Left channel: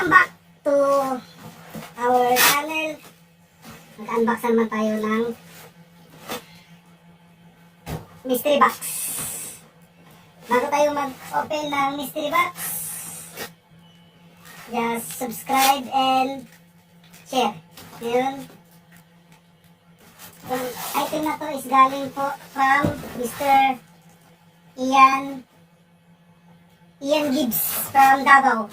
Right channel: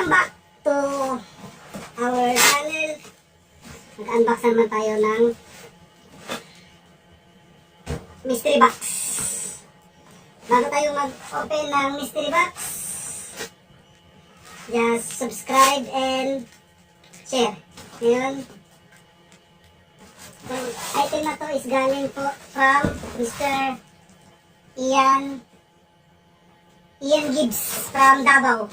Welcome back to our channel. Mag-unbox naman tayo ng mystery box. Bago tayo mag-open ng mystery box, just subscribe and share. Ngayon, ang item na to is galing po from Mr. Ian Gibbs from Davao.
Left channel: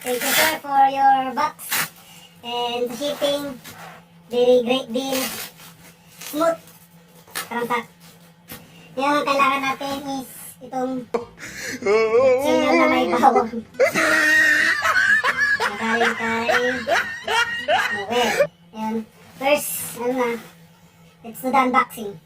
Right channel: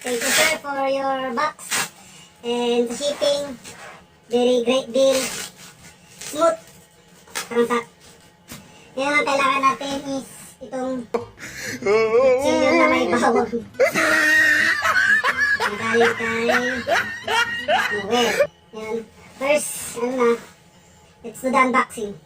Thank you, sir, for your box and the shipping. Very great deal. Smooth. Karangsak. Ngayon ang kailangan natin is itong sinyo na may bawang. Nagaling kay Noel. Ngayon, first, let's do the unboxing.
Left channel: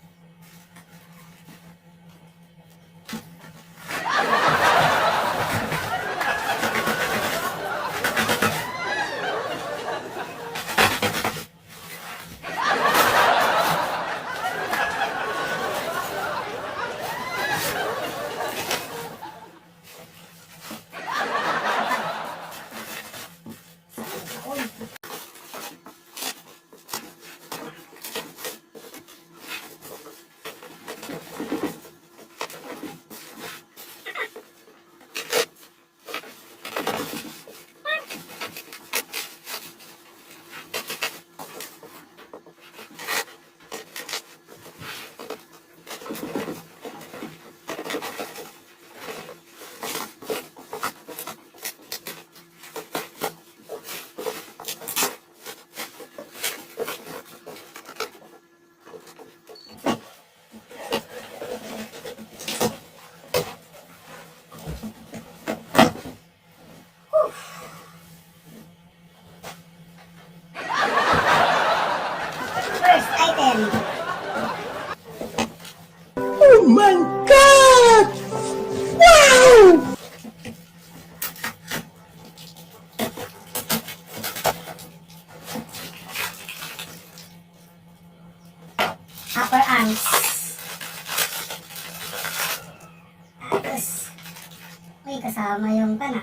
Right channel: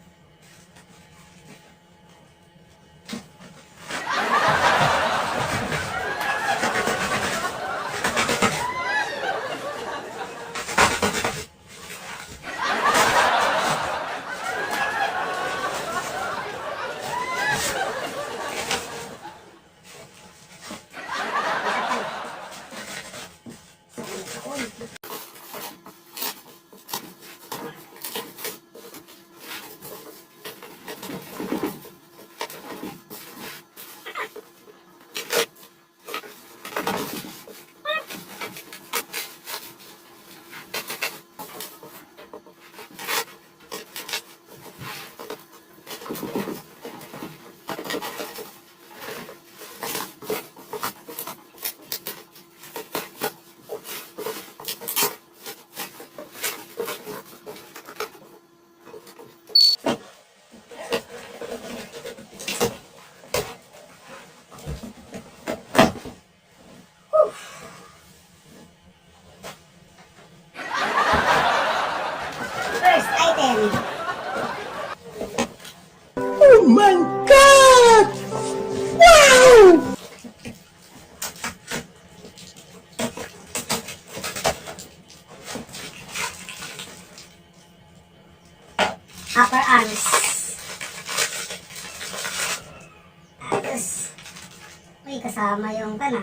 Oh my God! Wow! Upper arms. Tapos, may kasama yung kana.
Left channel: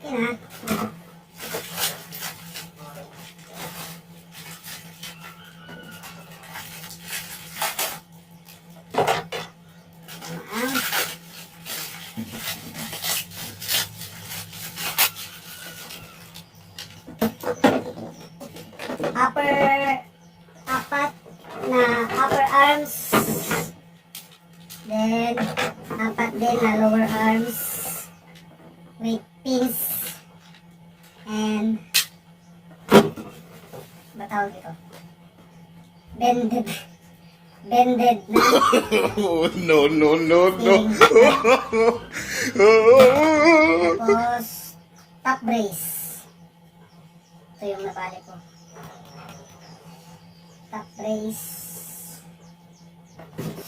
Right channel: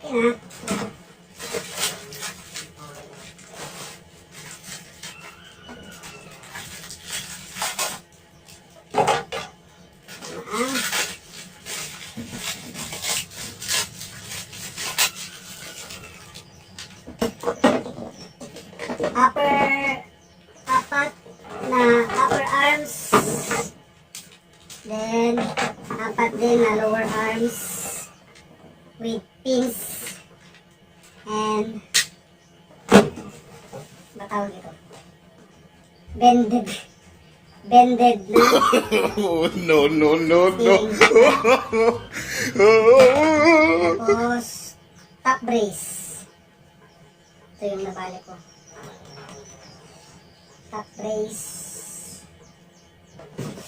Okay na. Upper arms, then apat din na lower arms with pins and batawag ito, bended na No. tapos top brace. Ito yung nabali ko, top brace.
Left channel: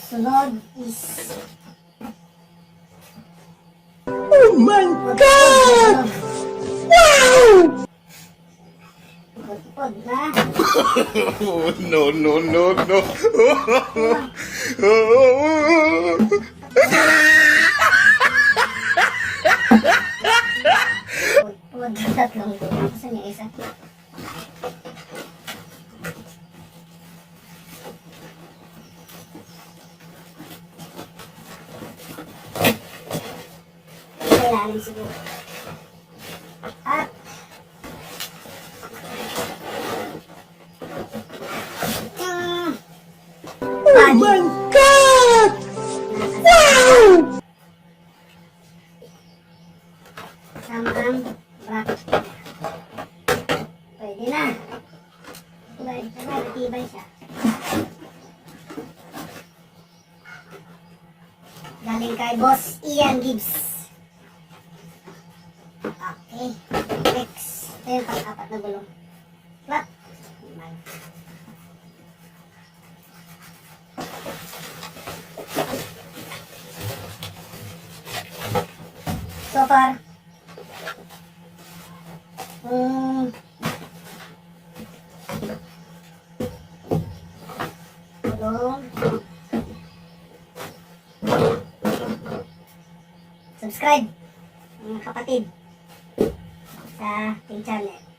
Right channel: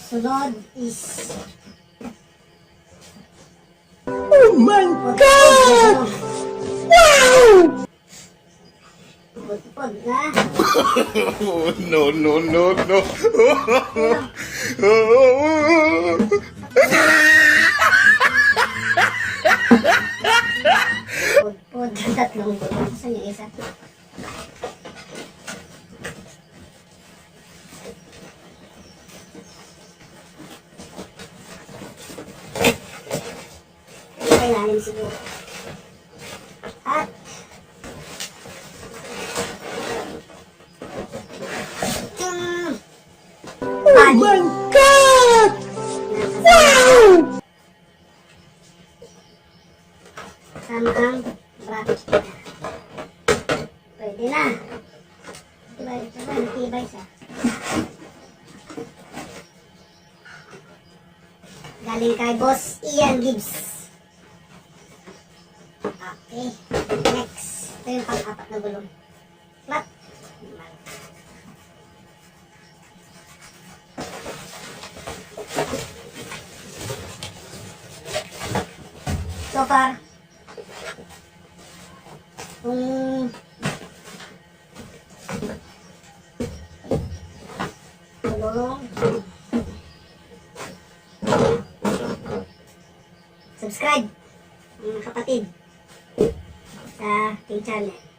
Sunod is Oh my God! Wow! pud na. No. Pud, tatlong pud. Saan yung isa? Ilalim siguro. At Oh my God! Wow! sama ang bracket. Pwede na. Natibay siya. Galing kay Boss Ian Gibbs. Okay. Next. Ito yung pang-apat na gulong. Flat. So far, gulong, subscribe mga kapatid sa ating channel.